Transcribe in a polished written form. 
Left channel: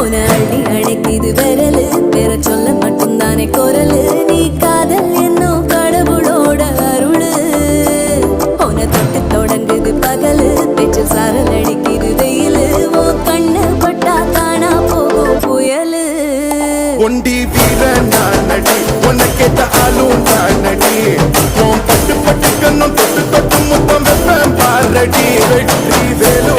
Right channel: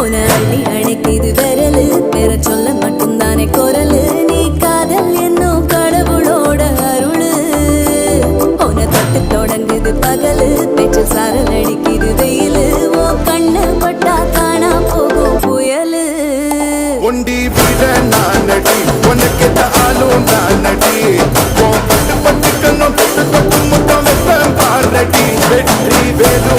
உன அள்ளி அணைக்குது விரலு பெற சொல்ல மட்டும்தானே குரலு நீ காதல் என்னும் கடவுளோட அருளு உன தொட்டு தொடங்குது பகலு பேச்சில் சாரல் அடிக்குது வெயிலு ஓ கண்ணு பட்டா காணா போகும் புயலு ஒண்டி வீரன் நானடி உனக்கேத்த ஆளும் நானடி பட்டு பட்டு கண்ணம் தொட்டு தொட்டு முத்தம் வெப்பம் பாரடி வெற்றி வேலோ